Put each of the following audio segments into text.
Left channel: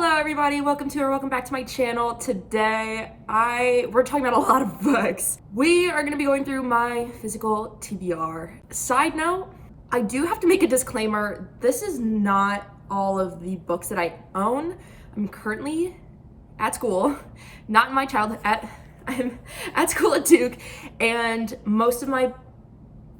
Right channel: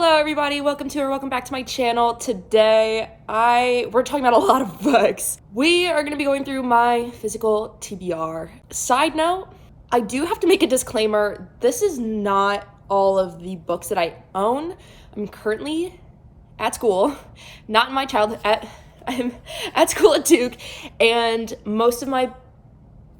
Hello everybody, welcome back to my channel. Today we're talking about a lot of books. We are going to be going through my physical TBR. Side note, I do have to make a disclaimer. This is not all of the books that I own. I'm currently at school, not in my childhood, I'm at school at Duke, and most of my,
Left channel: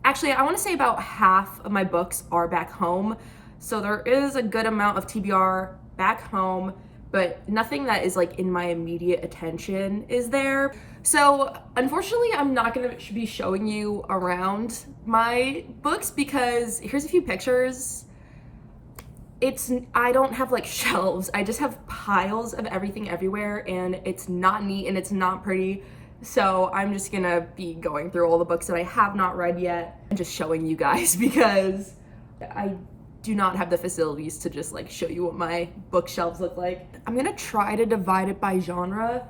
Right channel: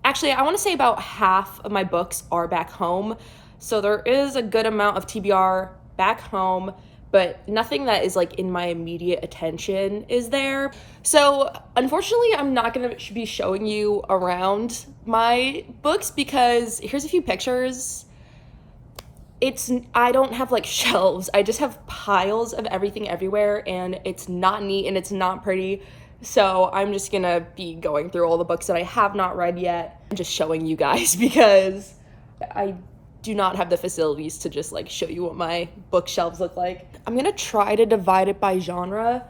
actually I want to say about half of my books are back home. So there is a good amount of TBR back home, but nothing that is like in my immediate attention is there. So unfortunately, I'm not gonna be showing you around my books because here's a few pictures. I don't have like shelves. I just have piles of everything everywhere, and it's not neat and it's not pretty. So I'm just gonna be going through all the books that I have not read yet and just showing you guys because I do not have the facilities to just like show you what my bookshelves look like. I'm gonna try to divide it by genre,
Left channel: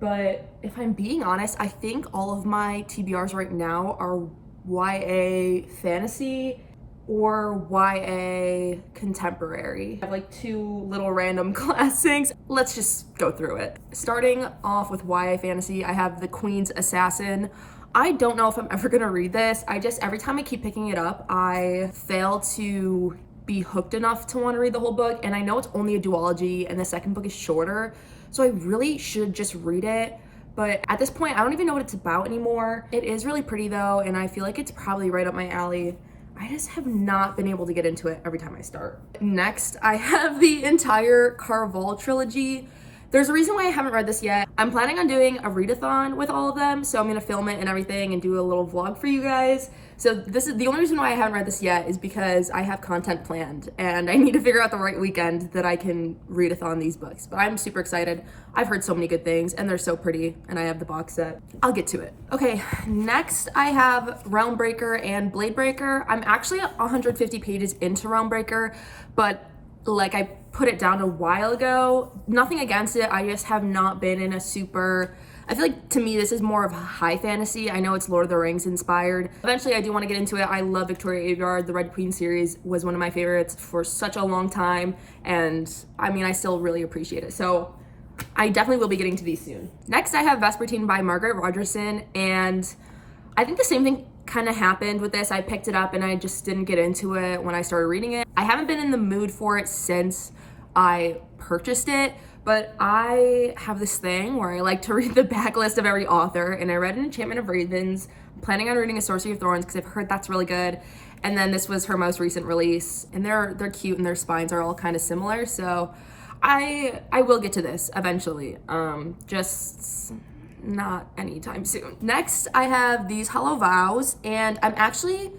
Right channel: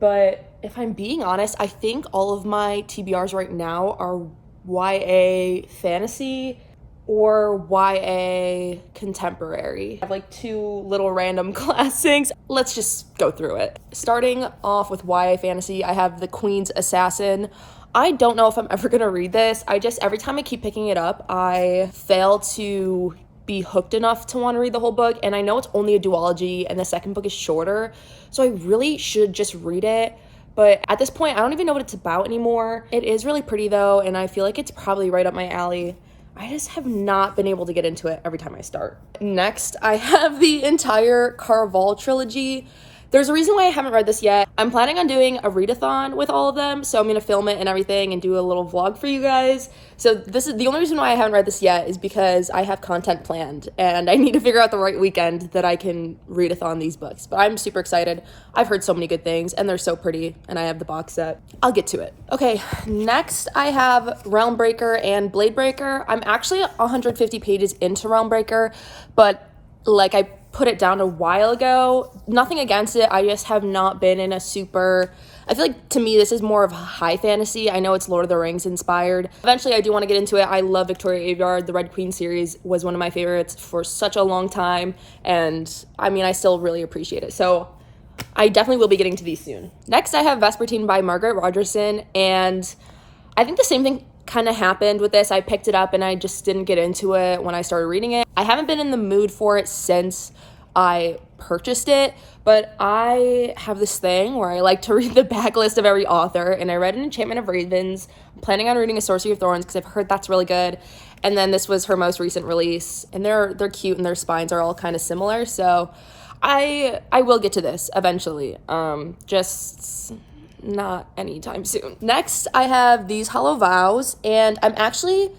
but if I'm being honest, I think all of my TBRs right now are YA fantasy or YA contemporary. I have like two little random classics. Let's just go through it. Starting off with YA fantasy, I have The Queen's Assassin. I don't know if I'm ever gonna read this. Every time I keep picking it up, I fail to be hooked enough to want to read the whole book. And I know it's only a duology and the second book is shorter, so I really should just read it. But at this point, I don't even know what it's about anymore. It is really pretty though, and I feel like it's probably right up my alley. I just have not been able to get into it every time I start. Next, I have the entire Caraval trilogy. There's a reason why I haven't read this yet. I'm planning on doing a readathon with all of them, so I'm gonna film it and everything and do a little vlog for you guys. So this is the only reason why I haven't read this yet is because I have content planned and I need to figure out the right weekend that I can readathon these books. But I'm super excited. I've heard so many good things and they're so pretty, and I have the box set. I'll get to it. Okay, next I have Realmbreaker and Bladebreaker. I'm actually 150 pages into Realmbreaker, but like I put it down a while ago. Nothing against it, I just have not been in a super, I feel like to me this is more of high fantasy. I know it's Lord of the Rings inspired. Eventually I do want to get into it. I love Victoria Aveyard. The Red Queen series was one of my favorites for such a long time, and I mean I still really appreciate it. So I definitely will be getting to these soon. Next I have Vespertine by Margaret Rogerson, and I think the same thing kind of happened with this. I picked it up and I just didn't get into it when I started reading it. I haven't been in the mood for it since I purchased it, but I have this thing where I like to read the backlist of every author, and I read An Enchantment of Ravens. I'm planning on reading A Sorcery of Thorns because I've heard that's really good, and then this was her most recent release, and they're cute and their spines are all kind of similar, so I will get to this eventually, just not anytime soon. Next I have These Hollow Vows, and I'm actually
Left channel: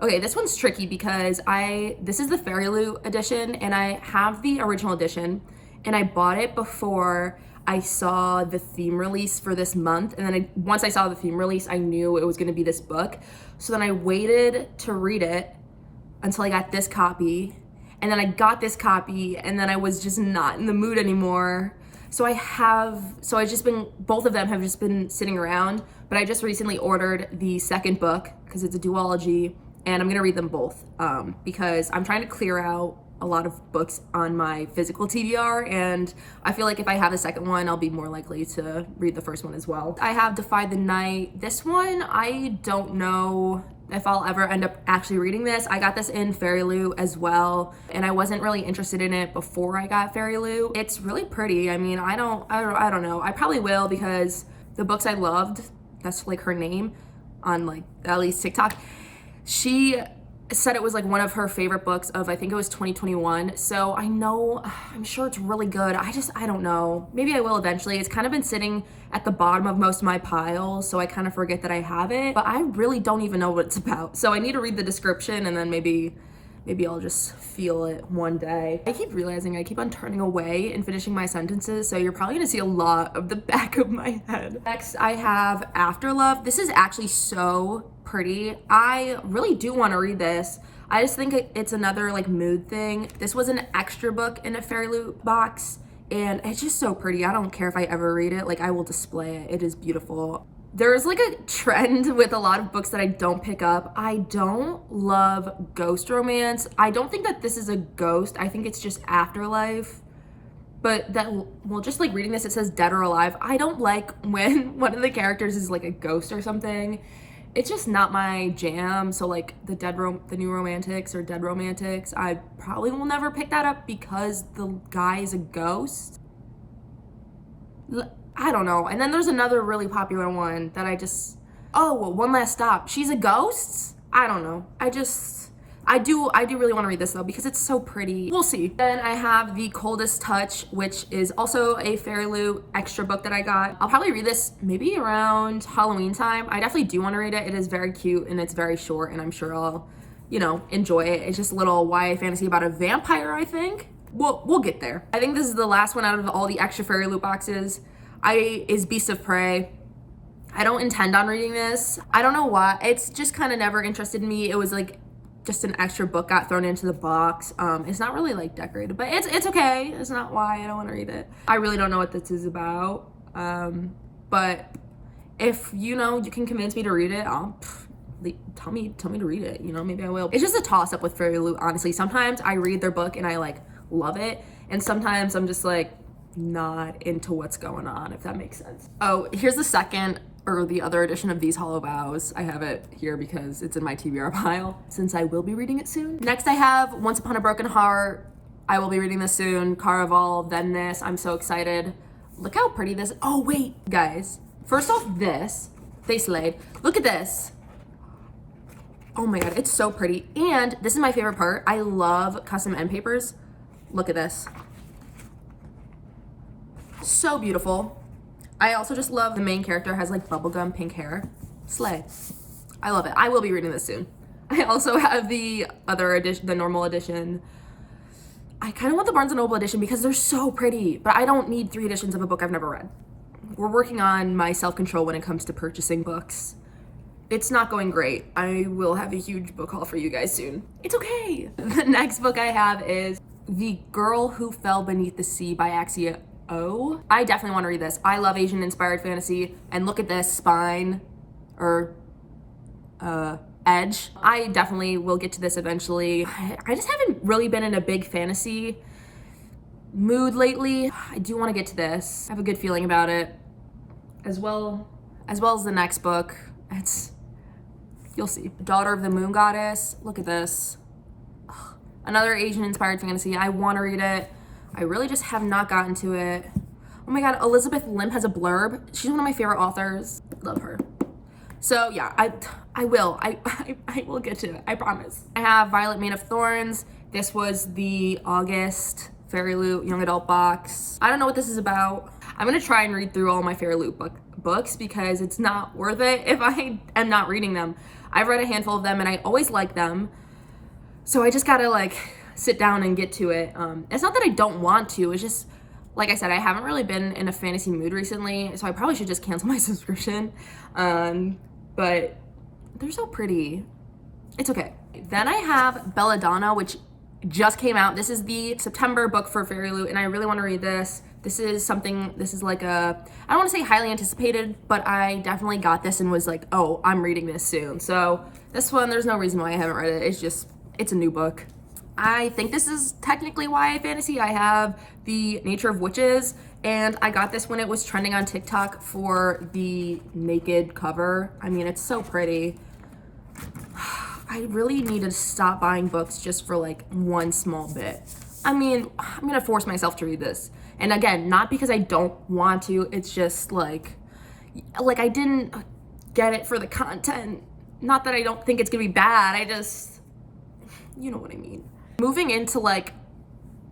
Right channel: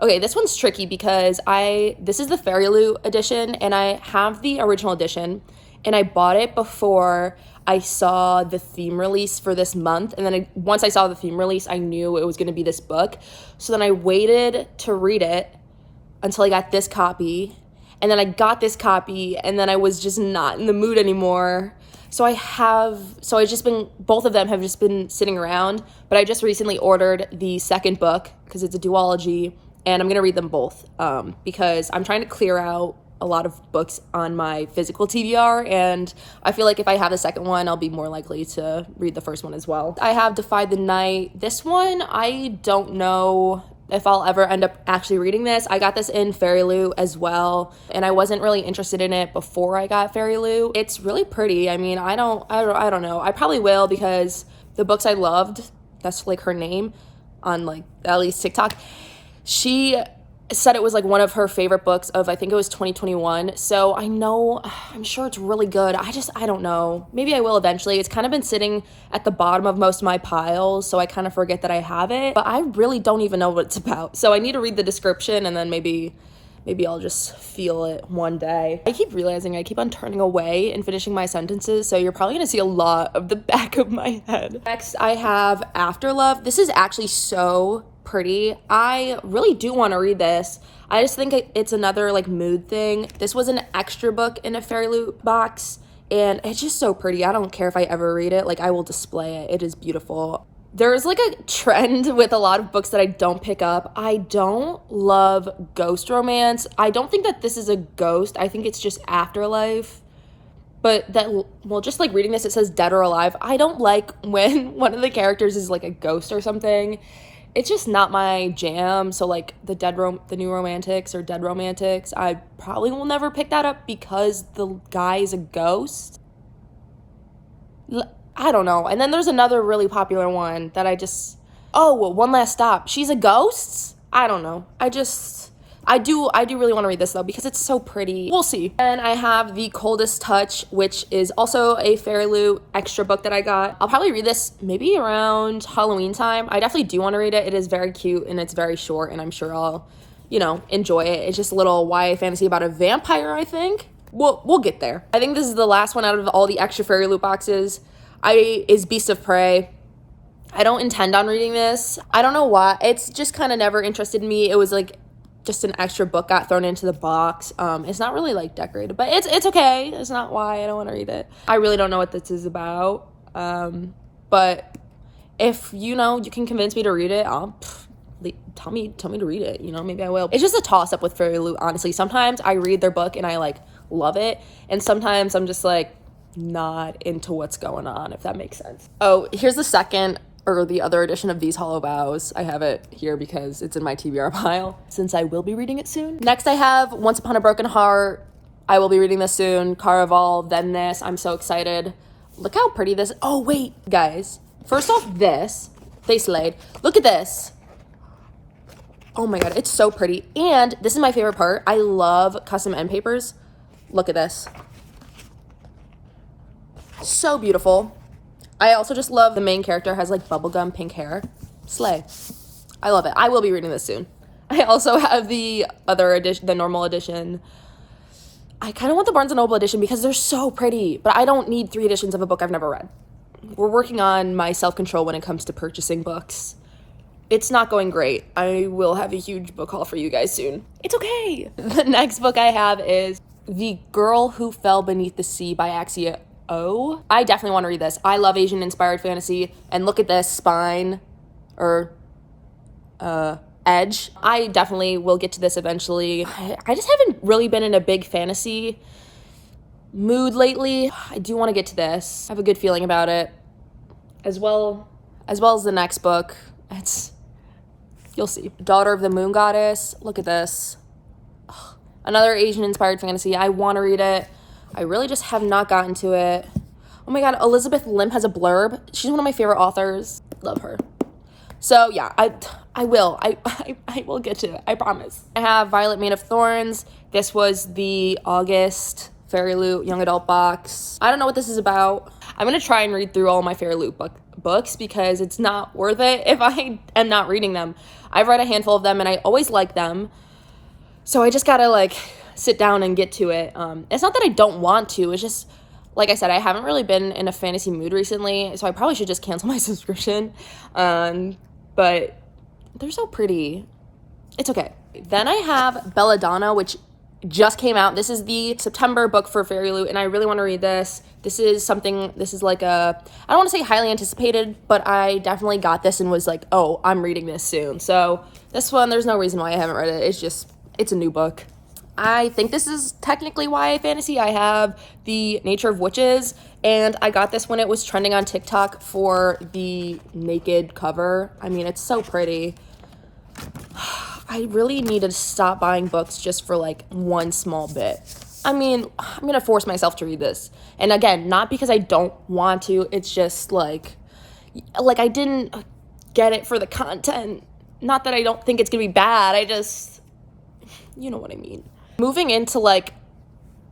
okay, this one's tricky because this is the Fairy Loot edition, and I have the original edition, and I bought it before I saw the theme release for this month, and then once I saw the theme release, I knew it was going to be this book. So then I waited to read it until I got this copy, and then I got this copy, and then I was just not in the mood anymore. So both of them have just been sitting around, but I just recently ordered the second book because it's a duology, and I'm gonna read them both because I'm trying to clear out a lot of books on my physical TBR, and I feel like if I have the second one, I'll be more likely to read the first one as well. I have Defy the Night. This one, I don't know if I'll ever end up actually reading this. I got this in Fairy Loot as well, and I wasn't really interested in it before I got Fairy Loot. It's really pretty. I mean, I don't know. I probably will because the books I loved, that's like her name on like at least TikTok, she said it was like one of her favorite books of, I think it was 2021. So I know, I'm sure it's really good. I don't know. Maybe I will eventually. It's kind of been sitting at the bottom of most of my piles, so I kind of forget that I have it, but I really don't even know what it's about. So I need to read the description, and then maybe I'll just feel it one day. I keep realizing I keep on turning away and finishing my sentences, so you're probably gonna see a lot of the back of my head. Next, I have Afterlove. This is actually so pretty. I really do want to read this. I just think it's another like mood thing. This was an extra book in a Fairy Loot box, and it's just so pretty. I don't care if I ever read it. Like, I will display it. It is beautiful. There's like a trend with a lot of books that I don't pick up. I don't love ghost romance. I don't think that this is a ghost. I think it's just afterlife. But that, well, just like reading this, it says dead or alive. I don't like when one of the characters is like a ghost or something. It's just not my jam. So like the new romantics or dead romantics, I probably will never pick that up because the guy is a ghost. I don't know. And then there's another really popular one that One Last Stop. She's a ghost? I don't know. I do really want to read this though because it's so pretty. We'll see. And I have The Coldest Touch, which is also a Fairy Loot extra book that I got. I'll probably read this maybe around Halloween time. I definitely do want to read it. It is very cute and it's very short and I'm sure I'll, enjoy it. It's just a little YA fantasy about a vampire, I think. We'll get there. I think this is the last one out of all the extra Fairy Loot boxes. Is Beast of Prey. I don't intend on reading this. I don't know why. It's just kind of never interested in me. It was like just an extra book got thrown into the box. It's not really like decorated, but it's okay. It's not why I don't want to read it. I really don't know what this is about. But if you can convince me to read it, tell me to read it. Maybe I will. It's just a toss up with Fairy Loot, honestly. Sometimes I read their book and I like love it, and sometimes I'm just like not into what's going on, if that makes sense. Oh, here's the other edition of These Hollow Vows. I have it here because it's in my TBR pile since I will be reading it soon. Next I have Once Upon a Broken Heart. I will be reading this soon. Caraval, then this. I'm so excited. Look how pretty this. Oh wait, guys. First off, they slayed. Look at this. Oh my god, it's so pretty. And this is my favorite part. I love custom end papers. Look at this. So beautiful. I also just love the main character has like bubblegum pink hair. Slay. I love it. I will be reading this soon. I also have the other edition, the normal edition. I kind of want the Barnes & Noble edition because they're so pretty, but I don't need 3 editions of a book I've never read. We're working on my self-control when it comes to purchasing books. It's not going great. I will have a huge book haul for you guys soon. It's okay. The next book I have is The Girl Who Fell Beneath the Sea by Axia O. I definitely want to read this. I love Asian inspired fantasy, and look at this spine or edge. I definitely will get to this eventually. I just haven't really been in a big fantasy mood lately. I do want to get to this. I have a good feeling about it, as well as the next book. You'll see. Daughter of the Moon Goddess. Look at this. Another Asian inspired fantasy. I want to read it. I really just have not gotten to it. Oh my god, Elizabeth Lim has a blurb. She's one of my favorite authors. Love her. So yeah, I will get to it. I promise. I have Violet Mane of Thorns. This was the August Fairy Loot young adult box. I don't know what this is about. I'm gonna try and read through all my Fairy Loot books because it's not worth it if I am not reading them. I've read a handful of them and I always like them. So I just gotta like sit down and get to it. It's not that I don't want to, it's just, like I said, I haven't really been in a fantasy mood recently, so I probably should just cancel my subscription. But they're so pretty. It's okay. Then I have Belladonna, which just came out. This is the September book for Fairy Loot, and I really want to read this. This is like I don't want to say highly anticipated, but I definitely got this and was like, oh, I'm reading this soon. So this one, there's no reason why I haven't read it. It's a new book. I think this is technically YA fantasy. I have The Nature of Witches, and I got this when it was trending on TikTok for the naked cover. I mean, it's so pretty. I really need to stop buying books just for like one small bit. I mean, I'm gonna force myself to read this. And again, not because I don't want to, it's just like I didn't get it for the content. Not that I don't think it's gonna be bad, you know what I mean. Moving into like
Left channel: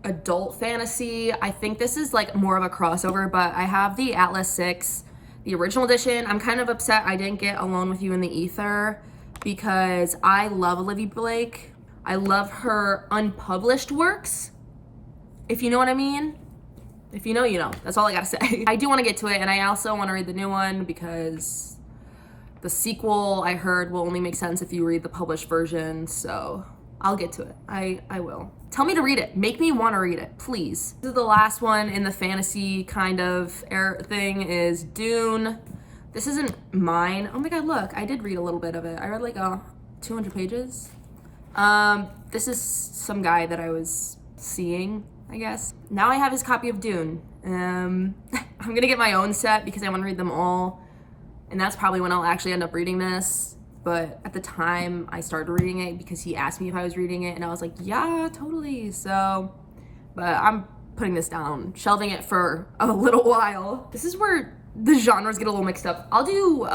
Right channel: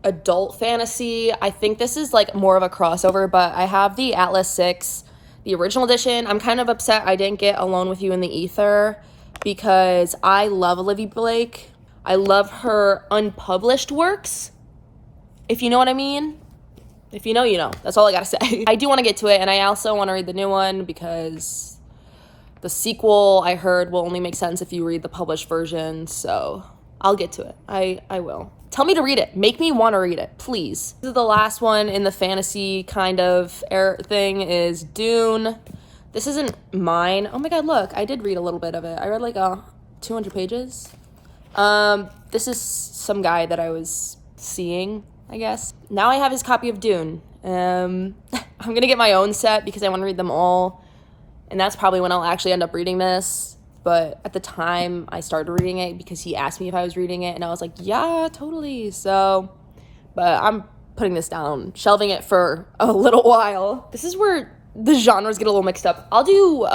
adult fantasy, I think this is like more of a crossover, but I have the Atlas 6, the original edition. I'm kind of upset I didn't get Alone with You in the Ether because I love Olivia Blake. I love her unpublished works, if you know what I mean. If you know, you know. That's all I gotta say. I do want to get to it, and I also want to read the new one because the sequel I heard will only make sense if you read the published version, so I'll get to it. I will. Tell me to read it. Make me want to read it, please. This is the last one in the fantasy kind of thing is Dune. This isn't mine. Oh my god, look. I did read a little bit of it. I read like 200 pages. This is some guy that I was seeing. I guess. Now I have his copy of Dune. I'm gonna get my own set because I want to read them all, and that's probably when I'll actually end up reading this. But at the time I started reading it because he asked me if I was reading it, and I was like, yeah, totally. So, but I'm putting this down, shelving it for a little while. This is where the genres get a little mixed up. I'll do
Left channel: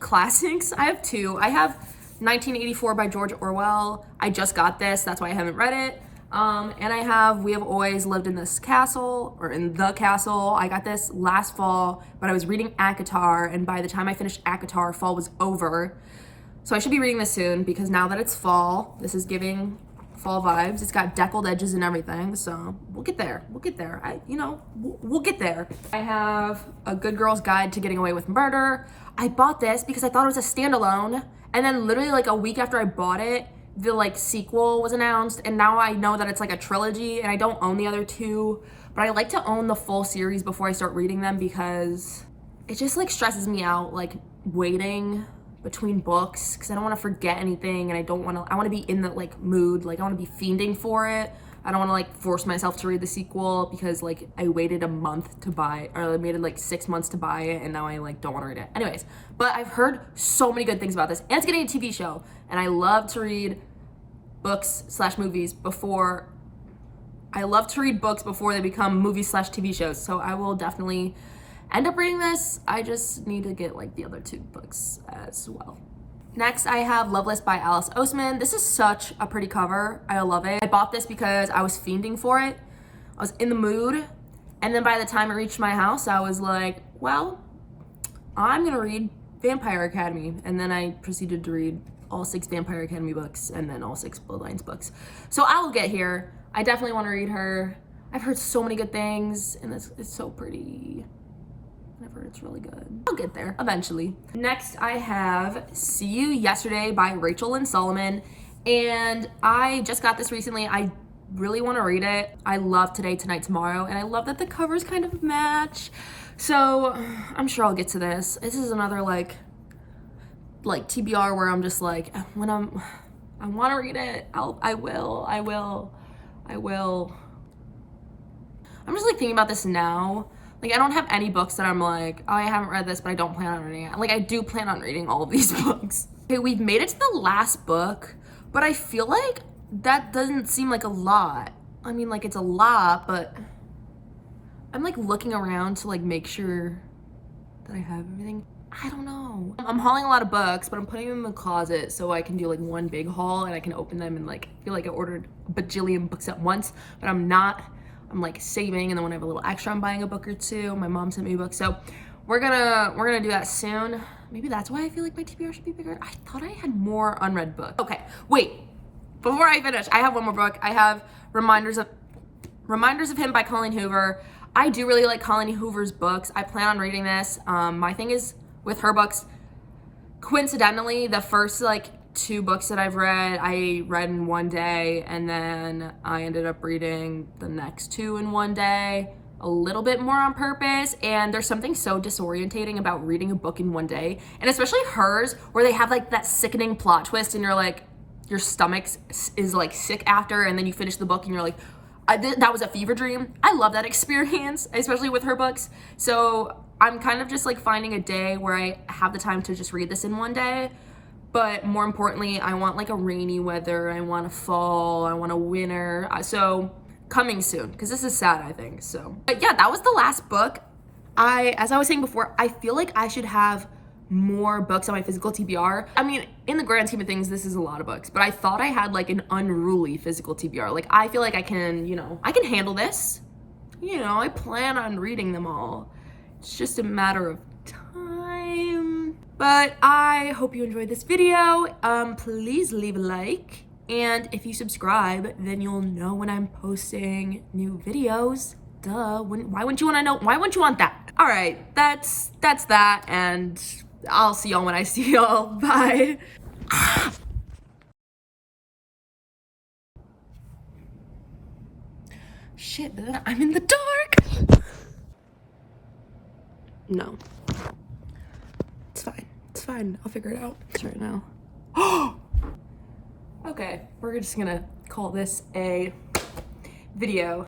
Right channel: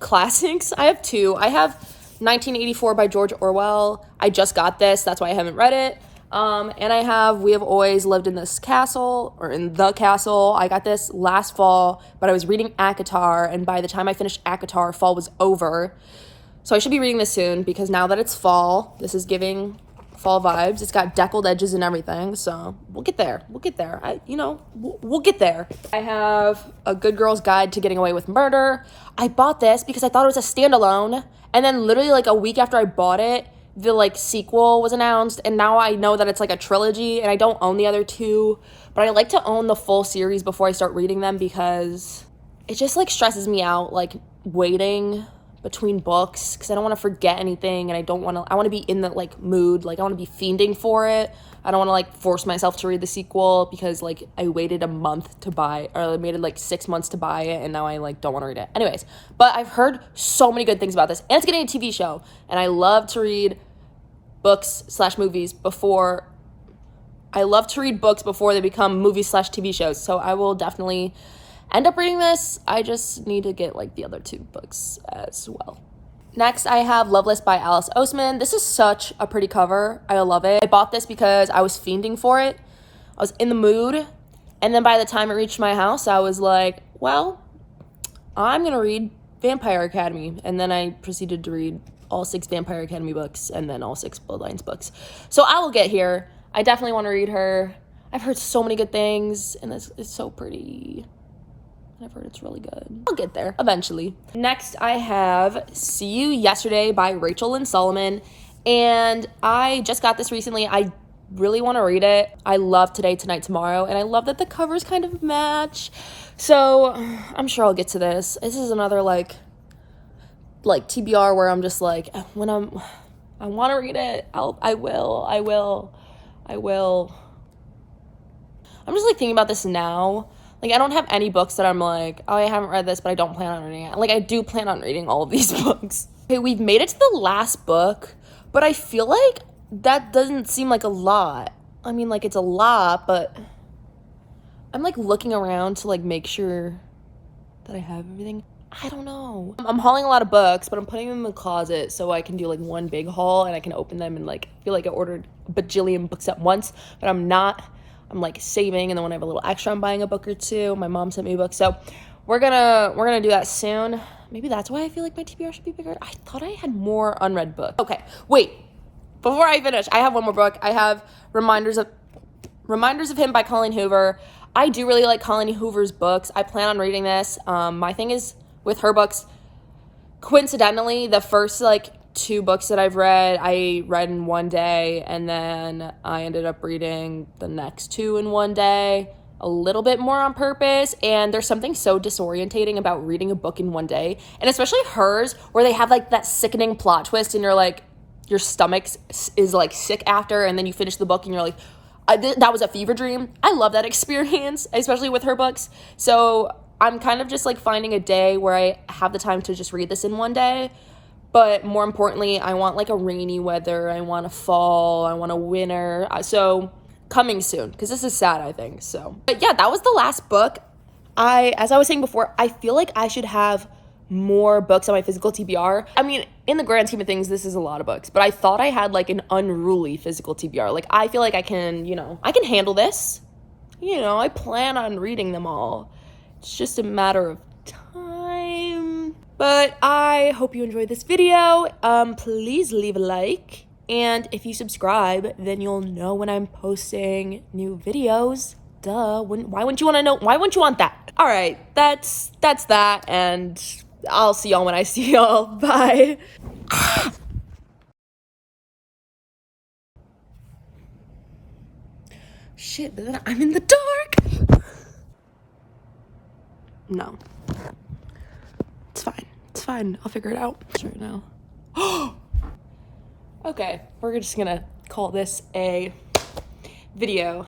classics. I have two. I have 1984 by George Orwell. I just got this, that's why I haven't read it. And I have We Have Always Lived in This Castle, or in the Castle. I got this last fall, but I was reading ACOTAR, and by the time I finished ACOTAR, fall was over. So I should be reading this soon, because now that it's fall, this is giving fall vibes. It's got deckled edges and everything, so we'll get there. We'll get there. We'll get there. I have A Good Girl's Guide to Getting Away with Murder. I bought this because I thought it was a standalone, and then literally like a week after I bought it, the like sequel was announced, and now I know that it's like a trilogy, and I don't own the other two, but I like to own the full series before I start reading them because it just like stresses me out, like waiting between books, because I don't want to forget anything, and I want to be in the like mood, like I want to be fiending for it. I don't want to like force myself to read the sequel because like I waited a month to buy, or I waited like 6 months to buy it, and now I like don't want to read it. Anyways, but I've heard so many good things about this, and it's getting a TV show, and I love to read books/movies before they become movies/TV shows. So I will definitely end up reading this. I just need to get like the other two books as well. Next, I have Loveless by Alice Oseman. This is such a pretty cover. I love it. I bought this because I was fiending for it. I was in the mood. And then by the time it reached my house, I was like, well, I'm going to read Vampire Academy. And then I proceeded to read all 6 Vampire Academy books and then all 6 Bloodlines books. So I will get here. I definitely want to read her. I've heard so many good things, and it's so pretty. I've heard it's really good. I'll get there eventually. Next, I have See You Yesterday by Rachel Lynn Solomon, and I just got this recently. I really want to read it. I love Today, Tonight, Tomorrow, and I love that the covers kind of match. So I'm sure I'll get to this. This is another like TBR where I'm just like, I want to read it. I will. I'm just like thinking about this now. Like, I don't have any books that I'm like, oh, I haven't read this, but I don't plan on reading it. Like, I do plan on reading all of these books. Okay, we've made it to the last book, but I feel like that doesn't seem like a lot. I mean, like, it's a lot, but I'm, like, looking around to, like, make sure that I have everything. I don't know. I'm hauling a lot of books, but I'm putting them in the closet so I can do, like, one big haul, and I can open them and, like, feel like I ordered a bajillion books at once, but I'm not. I'm like saving, and then when I have a little extra, I'm buying a book or two. My mom sent me a book, so we're gonna do that soon. Maybe that's why I feel like my TBR should be bigger. I thought I had more unread books. Okay, wait. Before I finish, I have one more book. I have Reminders of Him by Colleen Hoover. I do really like Colleen Hoover's books. I plan on reading this. My thing is with her books, coincidentally, the first like 2 books that I've read, I read in one day, and then I ended up reading the next 2 in one day, a little bit more on purpose, and there's something so disorientating about reading a book in one day, and especially hers, where they have like that sickening plot twist, and you're like, your stomach is like sick after, and then you finish the book, and you're like, that was a fever dream. I love that experience, especially with her books, so I'm kind of just like finding a day where I have the time to just read this in one day. But more importantly, I want like a rainy weather, I want a fall, I want a winter. So coming soon, because this is sad, I think. So, but yeah, that was the last book. As I was saying before, I feel like I should have more books on my physical TBR. I mean, in the grand scheme of things, this is a lot of books, but I thought I had like an unruly physical TBR. Like, I feel like I can handle this. I plan on reading them all. It's just a matter of time. But I hope you enjoyed this video. Please leave a like. And if you subscribe, then you'll know when I'm posting new videos. Duh. Why wouldn't you want to know? Why wouldn't you want that? All right, that's that. And I'll see y'all when I see y'all. Bye. Shit, I'm in the dark. No. It's fine. I'll figure it out right now. Okay, we're just gonna call this a video.